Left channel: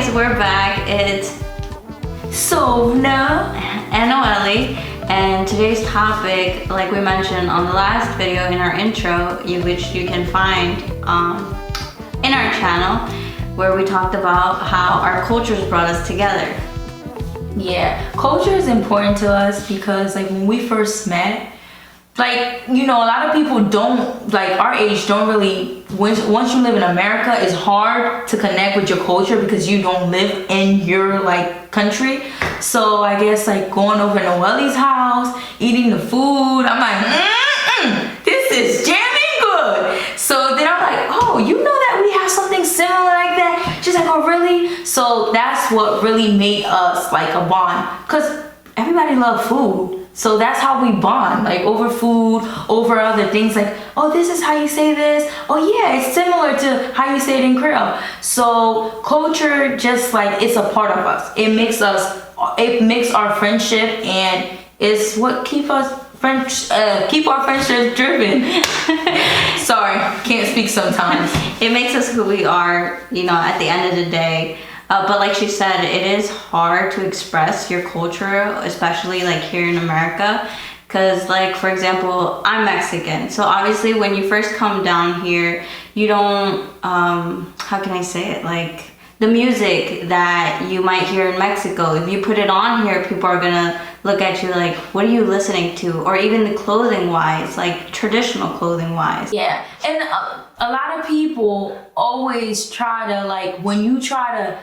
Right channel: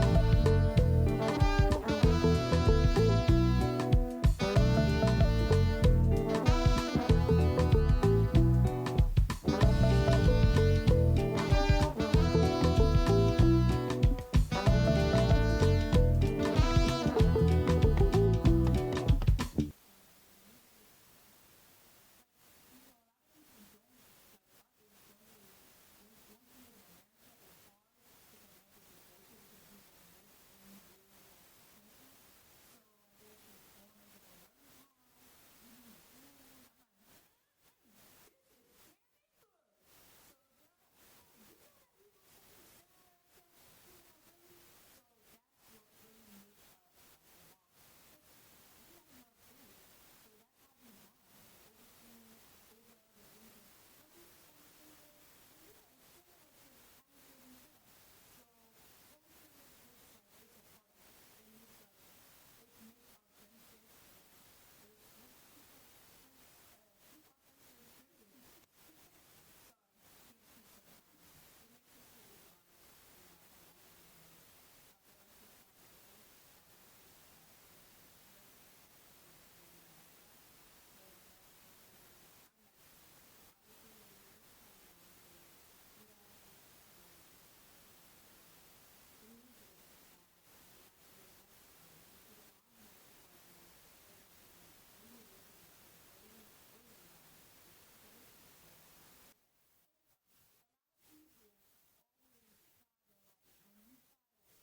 guys, we're back. It's Sovna and Noelle, and today's topic, like we mentioned on the last video in our intro, which you can find in our channel, where we talked about how our cultures brought us together. Yeah, culture is important to us because like when we first met, like, you know, a lot of people don't, like our age don't really, once you live in America, it's hard to connect with your culture because you don't live in your like country. So I guess like going over to Noelle's house, eating the food, I'm like, this is jamming good. So then I'm like, oh, you know that we have something similar like that? She's like, oh really? So that's what really made us like a bond, because everybody loves food. So that's how we bond, like over food, over other things, like, oh, this is how you say this. Oh yeah, it's similar to how you say it in Creole. So culture, just like, it's a part of us. It makes our friendship, and it's what keep our friendship driven. Sorry, can't speak sometimes. It makes us who we are, you know, at the end of the day. But like she said, it is hard to express your culture, especially like here in America. Because like, for example, I'm Mexican. So obviously when you first come down here, you don't, how can I say it? Like the music that you might hear in Mexico, if you put it on here, people are gonna look at you like, what are you listening to? Or even the clothing wise, like traditional clothing wise. Yeah, and a lot of people always try to, like, when you try to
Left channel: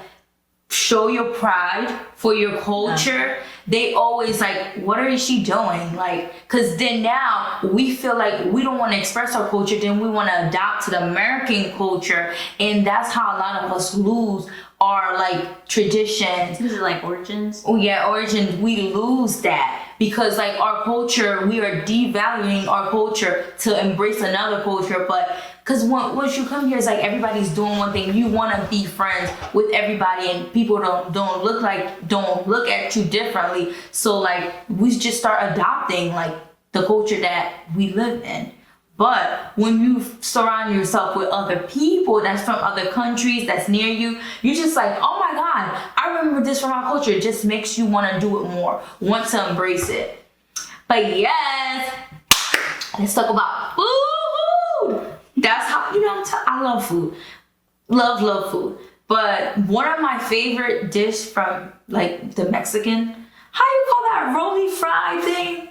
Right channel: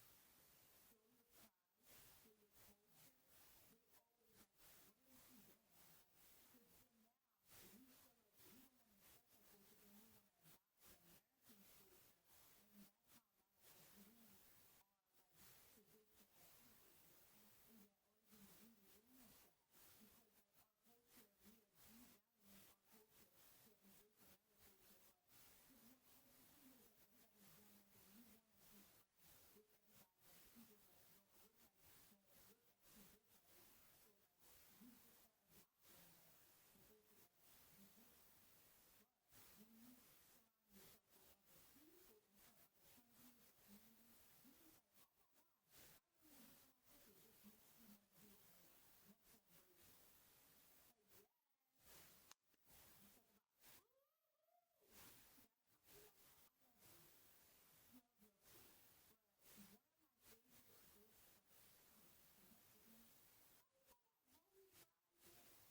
show your pride for your culture, they always like, what is she doing? Like, because then now we feel like we don't want to express our culture, then we want to adopt to the American culture, and that's how a lot of us lose our like traditions. Is it like origins? Oh yeah, origins. We lose that because like our culture, we are devaluing our culture to embrace another culture. But because once you come here, it's like everybody's doing one thing. You want to be friends with everybody, and people don't look at you differently. So like we just start adopting like the culture that we live in. But when you surround yourself with other people that's from other countries, that's near you, you're just like, oh my God, I remember this from our culture. It just makes you want to do it more, want to embrace it. But yes, let's talk about food. That's how, you know, I love food. Love food. But one of my favorite dish from like the Mexican, how you call that rolly fry thing?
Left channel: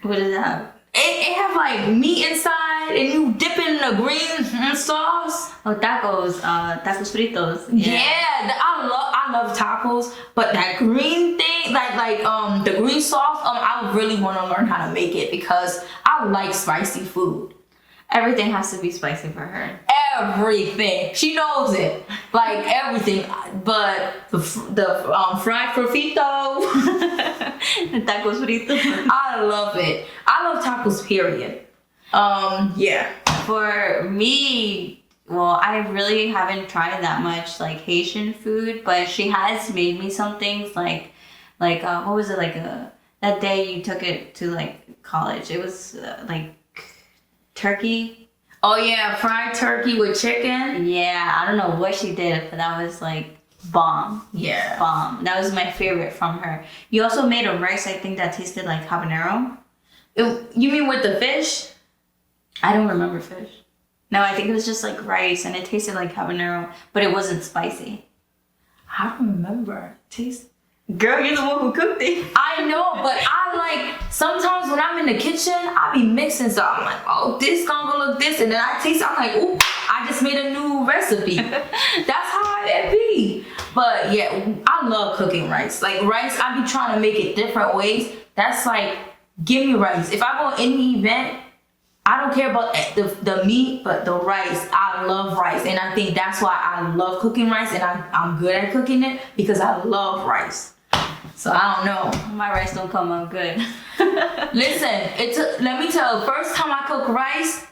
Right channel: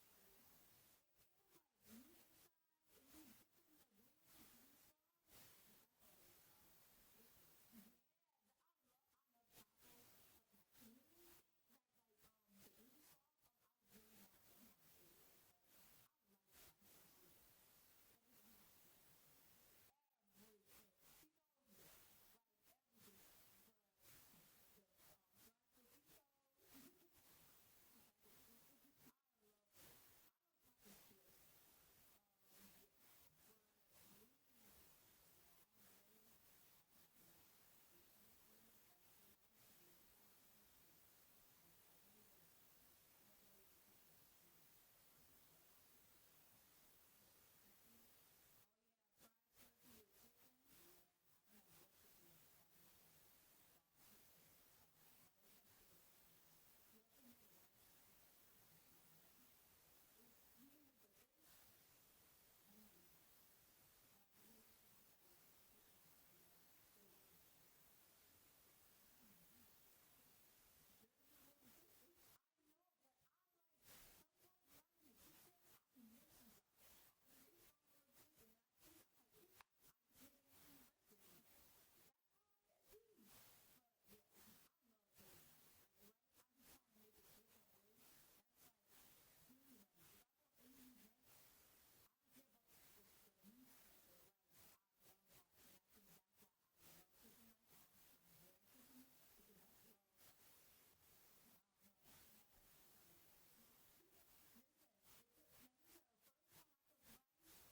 What is that? It have like meat inside, and you dip it in the green sauce. Oh, tacos, tacos fritos. Yeah, I love tacos, but that green thing, like the green sauce, I really want to learn how to make it because I like spicy food. Everything has to be spicy for her. Everything. She knows it. Like everything. But the fried frito. The tacos fritos. I love it. I love tacos, period. Yeah. For Me, well, I really haven't tried that much like Haitian food, but she has made me some things like what was it, like that day you took it to like college? It was like turkey. Oh yeah, fried turkey with chicken. Yeah, I don't know what she did, but that was like bomb. Yeah. Bomb. That was my favorite from her. You also made a rice, I think, that tasted like habanero. You mean with the fish? I don't remember fish. No, I think it was just like rice, and it tasted like habanero, but it wasn't spicy. I don't remember. Taste. Girl, you're the one who cooked it. I know, but I like, sometimes when I'm in the kitchen, I be mixing stuff. I'm like, oh, this gonna go look this, and then I taste, I'm like, ooh, I just made a new recipe. That's how it be. But yeah, I love cooking rice. Like rice, I be trying to make it different ways. That's like, give me rice. If I go to any event, I don't care about the meat, but the rice. I love rice, and I think that's why I love cooking rice, and I'm good at cooking it because I love rice. So I don't know. My rice don't come out good. Listen, let me tell you, first time I cooked rice,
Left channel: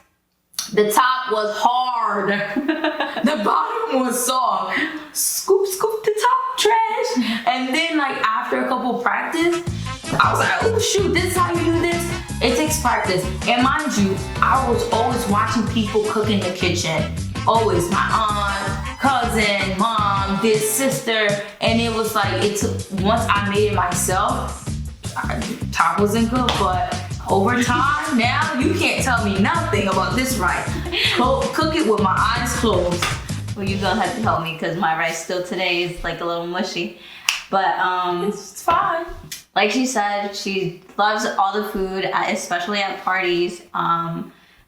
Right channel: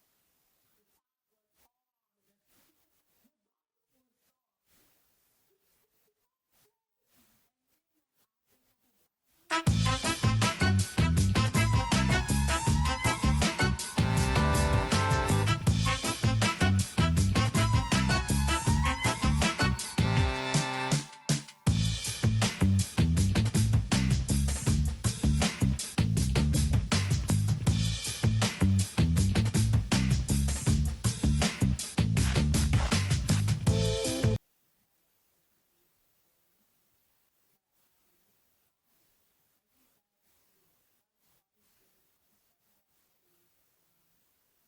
the top was hard. The bottom was soft. Scoop the top, trash. And then like after a couple practice, I was like, oh shoot, this is how you do this. It takes practice. And mind you, I was always watching people cook in the kitchen. Always my aunt, cousin, mom, this sister, and it was like once I made it myself, top wasn't good, but over time now you can't tell me nothing about this rice. Cook it with my eyes closed. Well, you gonna have to help me because my rice still today is like a little mushy. But It's fine. like she said, she loves all the food, especially at parties.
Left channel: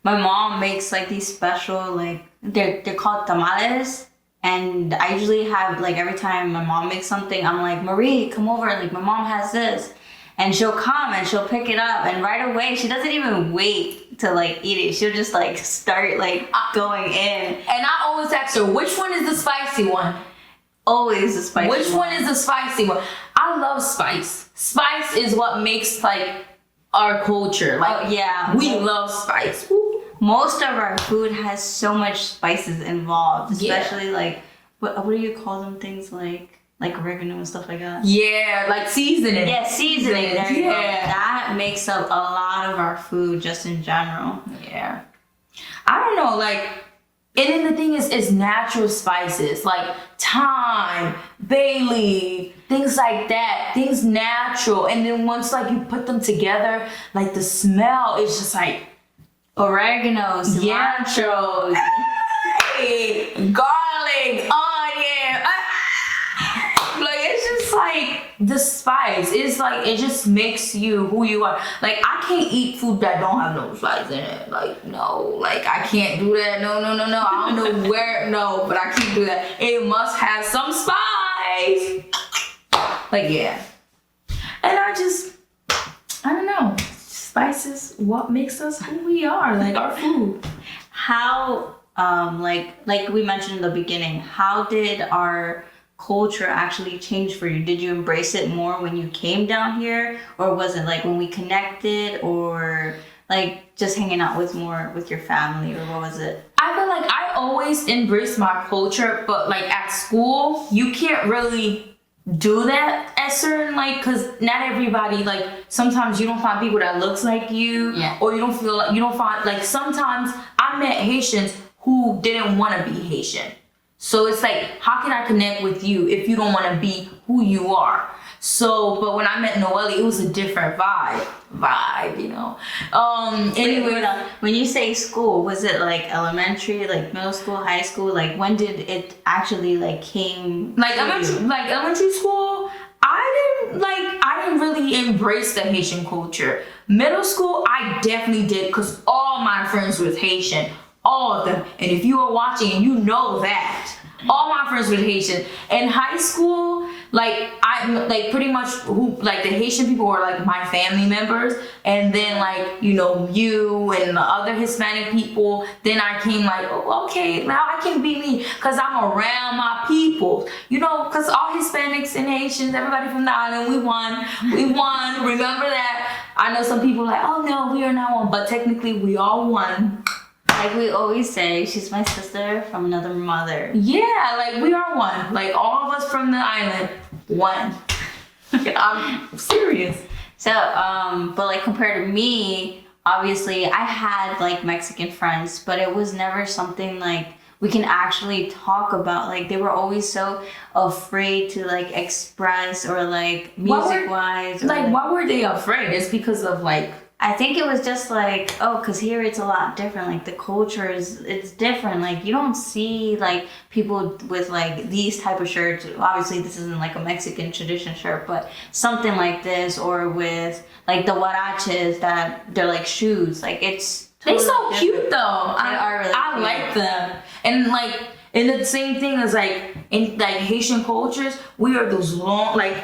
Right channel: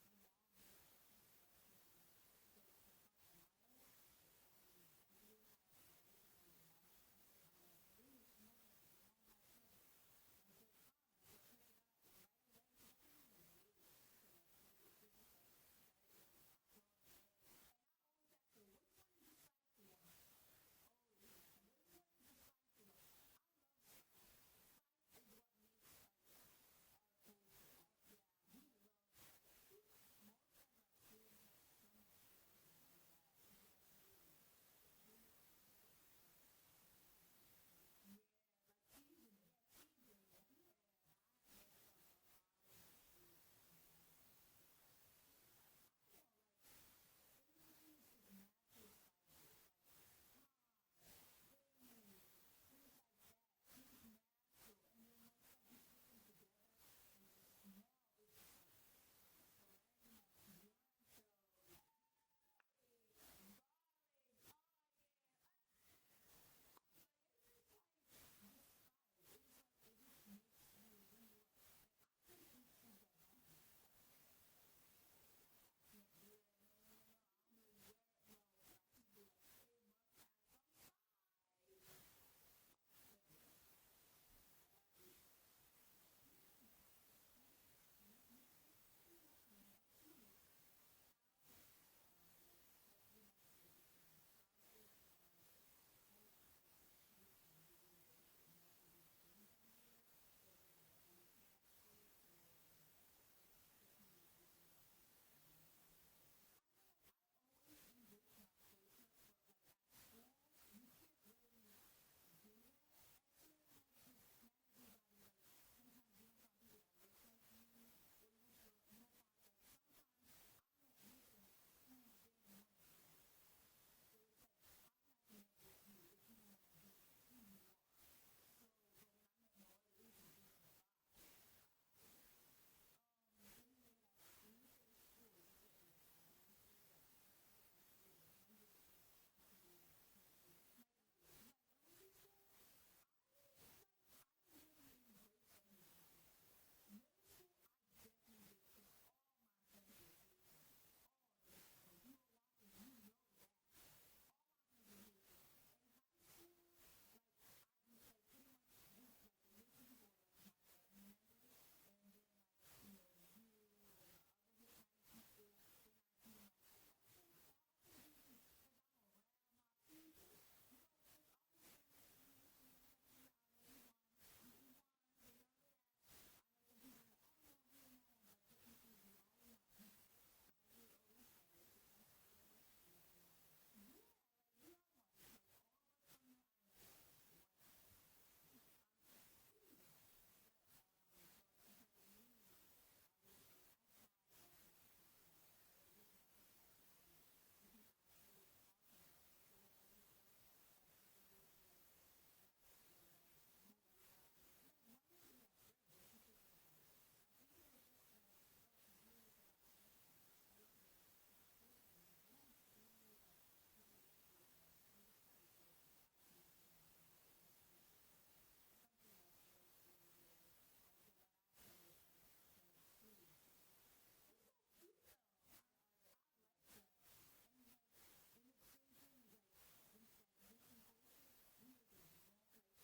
My mom makes like these special, like they're called tamales, and I usually have like every time my mom makes something, I'm like, Marie, come over. Like my mom has this, and she'll come and she'll pick it up, and right away she doesn't even wait to like eat it. She'll just like start like going in. And I always ask her, which one is the spicy one? Always the spicy. Which one is the spicy one? I love spice. Spice is what makes like our culture. Like, Oh yeah, we love spice. Woo. most of our food has so much spices involved, Yeah. especially like what do you call them, things like oregano and stuff like that. Yeah, like seasoning. Yeah, seasoning. There you go. Yeah. That makes up a lot of our food just in general. Yeah. I don't know, like, and then the thing is, it's natural spices, like thyme, bay leaf, things like that, things natural. And then once like you put them together, like the smell is just like, Oregano, cilantro. hey, garlic, onion. Like, it's just like the spice. It's like, it just makes you who you are. Like, I can't eat food that don't have no spice in it. Like, no, like I can't do that. No. I don't know where, no, but I can't do that. It must have some spice. Like, yeah. And I don't know. Spices, what makes us who we are, like our food. How, like we mentioned in the beginning, how did our culture actually change for you? Did you embrace it more when you came down here, or was it like when we connected, or like just hanging out with your family, or what was it? I feel like I always embrace my culture, but like at school, you can't really do that at certain, like, because not everybody, like, sometimes you don't find people that looks like you. Yeah. Or you don't feel like, you don't find, like, sometimes I met Haitians who didn't want to be Haitian. So it's like, how can I connect with you if you don't want to be who you are? So, but when I met Noelle, it was a different vibe, you know. Anyway, When you say school, was it like elementary, like middle school, high school? Like when did it actually like came? like to you? elementary school, I didn't really embrace the Haitian culture. Middle school, I definitely did, because all my friends was Haitian, all of them. And if you are watching, you know that. All my friends were Haitian. In high school, like pretty much the Haitian people were like my family members, and then like, you know, you and the other Hispanic people, then I came like, oh, okay, now I can be me, because I'm around my people, you know, because all Hispanics and Haitians, everybody from the island, we won, remember that? I know some people like, oh no, we are not one, but technically we all won. Like we always say, she's my sister from another mother. Yeah, like we are one. Like all of us from the island, one. I'm serious. So, but like compared to me, obviously I had like Mexican friends, but it was never something like we can actually talk about. Like they were always so afraid to like express, or like music wise. Like why were they afraid? It's because of like, I think it was just like, oh, because here it's a lot different. Like the culture it's different. Like you don't see like people with like these type of shirts. Obviously this isn't like a Mexican tradition shirt, but something like this, or with like the huaraches that they're like shoes. Like it's totally they so different. cute though. They are really I cute. like them. And the same thing as like in like Haitian cultures, we are those long like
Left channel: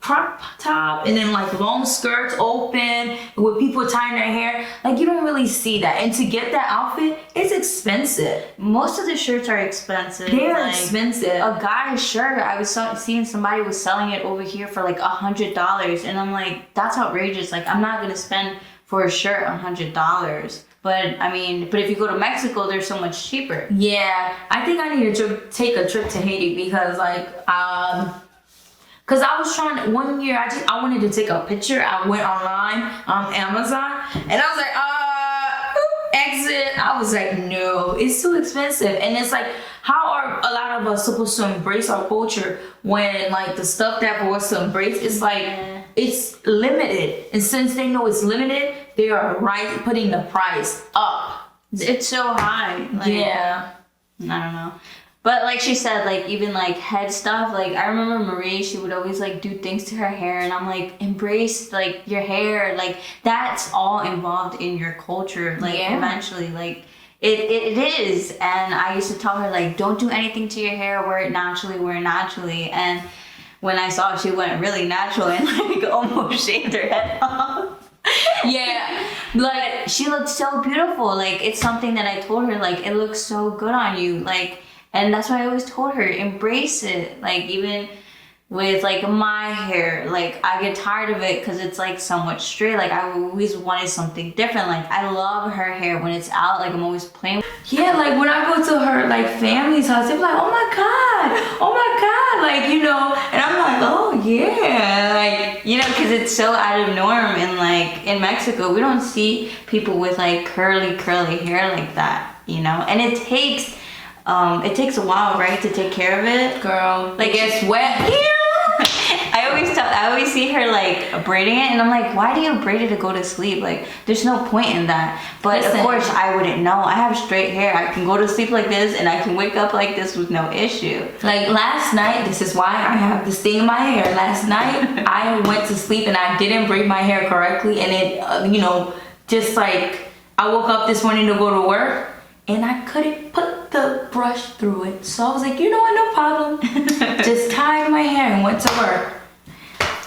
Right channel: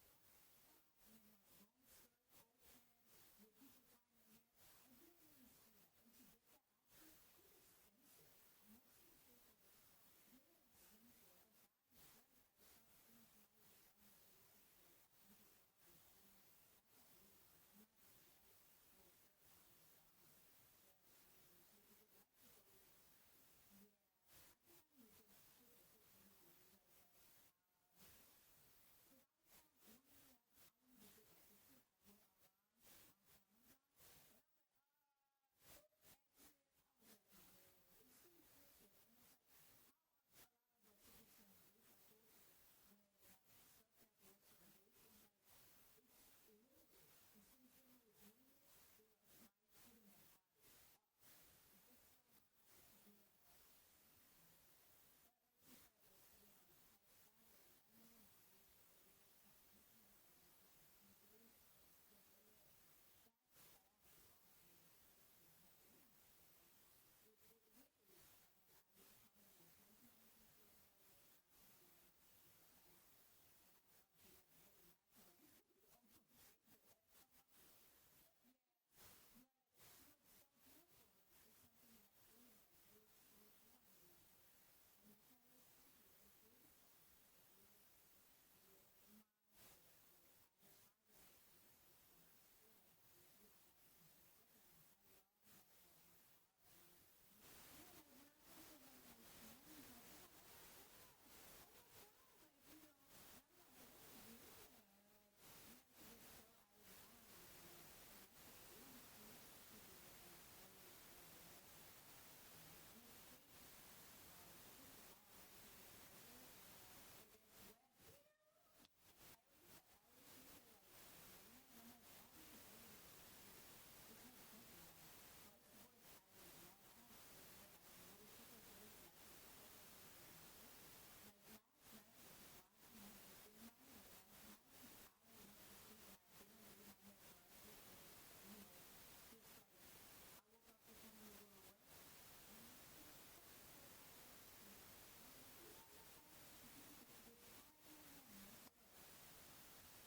crop top and then like long skirts open with people tying their hair. Like you don't really see that. And to get that outfit, it's expensive. Most of the shirts are expensive. They are Like, expensive. A guy's shirt, I was seeing somebody was selling it over here for like $100, and I'm like, that's outrageous. Like I'm not gonna spend for a shirt $100. But I mean, if you go to Mexico, they're so much cheaper. Yeah, I think I need to take a trip to Haiti, because like because I was trying, one year I wanted to take a picture. I went online on Amazon, and I was like, exit. I was like, no, it's too expensive. And it's like, how are a lot of us supposed to embrace our culture when like the stuff that for us to embrace is like it's limited, and since they know it's limited, they are putting the price up. It's so high. Like, yeah. I don't know. But like she said, like even like head stuff, like I remember Marie, she would always like do things to her hair, and I'm like, embrace like your hair, like that's all involved in your culture, like eventually, like it is. And I used to tell her like, don't do anything to your hair, wear it naturally. And when I saw she went really natural and like almost shaved her head off. Yeah, Like she looked so beautiful. Like it's something that I told her, like it looks so good on you, like. And that's why I always told her, embrace it. Like even with like my hair, like I get tired of it because it's like somewhat straight. Like I always wanted something different. Like I love her hair when it's out. Like I'm always playing. Yeah, like when I go to her like family's house, they're like, oh my god, like you know, and I'm like, oh yeah, like you know, because it's so out of norm. And like in Mexico, we don't see people with like curly hair like that, you know. And it takes a while, right, to take care of it. Girl, like it gets wet. I always see her like braiding it, and I'm like, why do you braid it to go to sleep? Like, there's no point in that. But of course, I wouldn't know. I have straight hair. I can go to sleep like this, and I can wake up like this with no issue. Like last night, this is why I have this thing in my hair. Last night, I went to sleep and I didn't braid my hair correctly, and it, you know, just like I woke up this morning to go to work, and I couldn't put the brush through it. So I was like, you know what, no problem. Just tied my hair and went to work.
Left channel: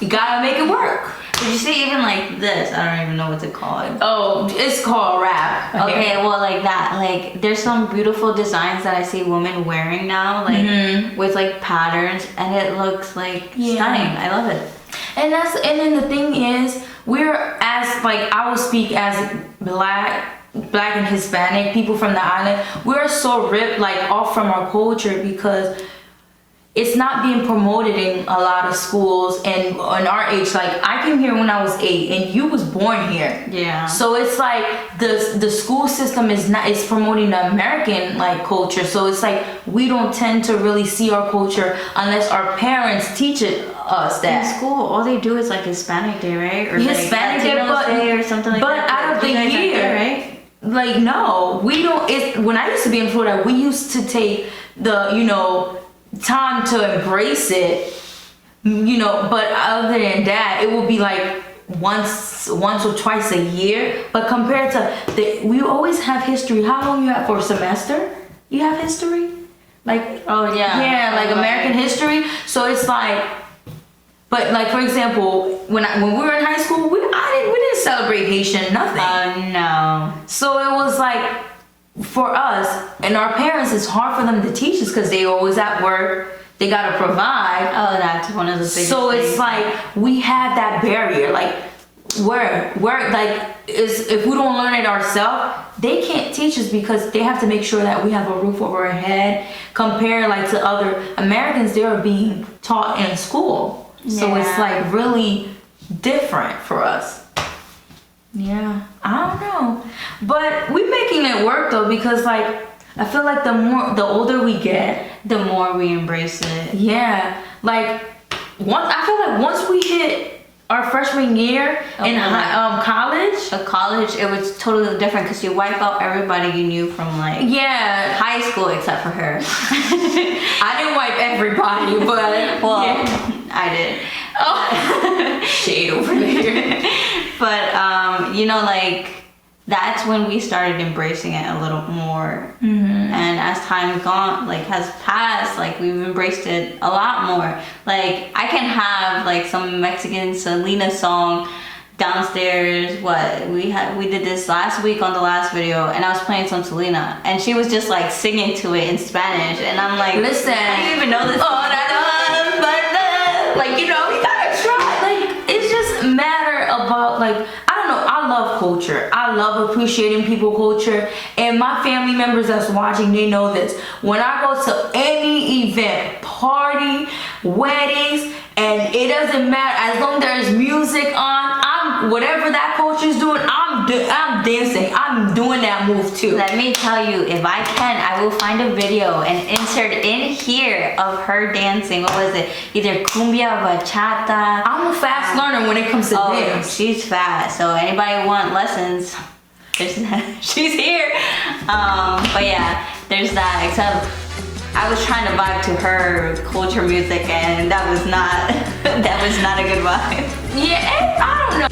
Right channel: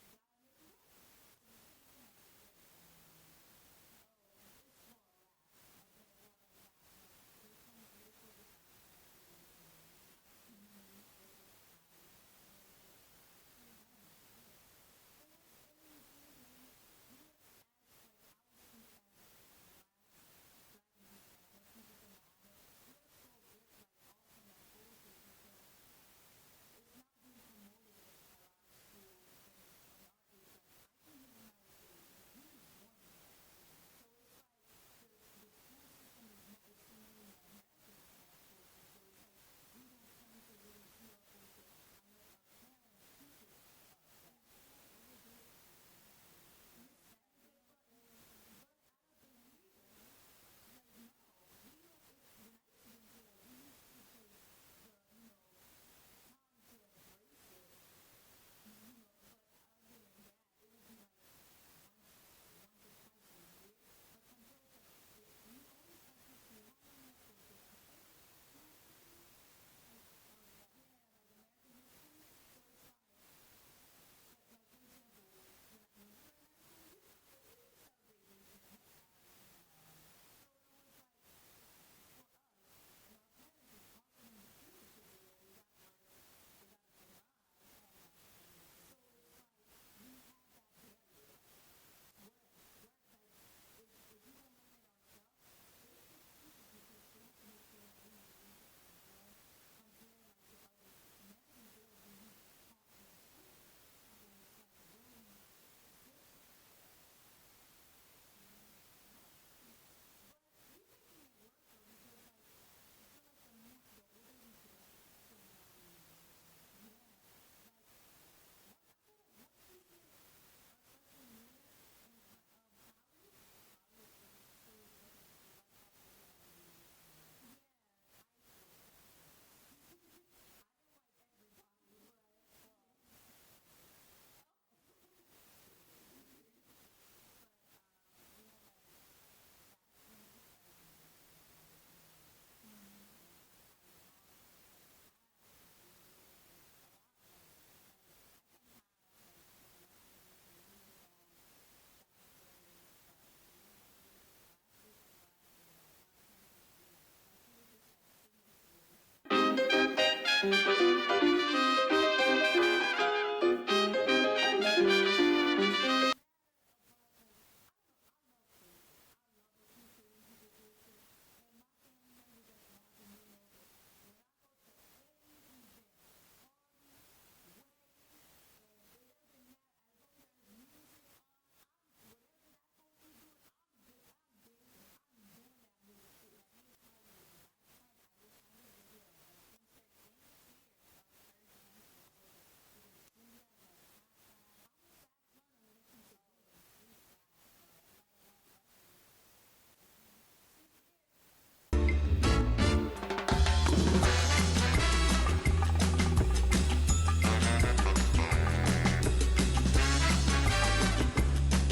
You gotta make it work. Did you see even like this? I don't even know what to call it. Oh, it's called wrap. Okay, well like that. Like there's some beautiful designs that I see women wearing now, like with like patterns, and it looks like stunning. I love it. And then the thing is, we're as like I will speak as black and Hispanic people from the island, we're so ripped like off from our culture because it's not being promoted in a lot of schools. And on our age, like I came here when I was 8 and you was born here. Yeah. So it's like the school system is promoting the American like culture. So it's like we don't tend to really see our culture unless our parents teach us that. In school, all they do is like Hispanic Day, right? Or Hispanic like Day or something like that. But out of the year, right? Like no, we don't. When I used to be in Florida, we used to take the time to embrace it, but other than that, it will be like once or twice a year. But compared to we always have history. How long you have for a semester? You have history? Like like American history. So it's like, but like for example, when we were in high school, we didn't celebrate Haitian nothing. No. So it was like, for us and our parents, it's hard for them to teach us because they always at work. They gotta provide. Oh, that's one of the biggest So it's things. like we have that barrier. Like where like if we don't learn it ourselves, they can't teach us because they have to make sure that we have a roof over our head. Compared like to other Americans, they are being taught in school. So it's like really different for us. Yeah, I don't know, but we're making it work though because like I feel like the older we get, the more we embrace it. Yeah, like I feel like once we hit our freshman year in college, it was totally different because you wipe out everybody you knew from like high school except for her. I didn't wipe everybody, but I did. Oh, shade over there. But like that's when we started embracing it a little more. And as time has passed, like we've embraced it a lot more. Like I can have like some Mexican Selena song downstairs. We did this last week on the last video, and I was playing some Selena, and she was just like singing to it in Spanish, and I'm like, listen, I didn't even know this. Like you gotta try. Like it's just matter about like. I love culture. I love appreciating people culture. And my family members that's watching, they know this. When I go to any event, party, weddings, and it doesn't matter, as long as there's music on, I'm whatever that culture is doing, I'm dancing. I'm doing that move too. Let me tell you, if I can, I will find a video and insert in here of her dancing. What was it? Either cumbia or bachata. I'm a fast learner when it comes to dance. She's fast. So anybody want lessons? She's here. But yeah, there's that. Except I was trying to vibe to her culture music, and that was not a good vibe. Yeah, I don't know.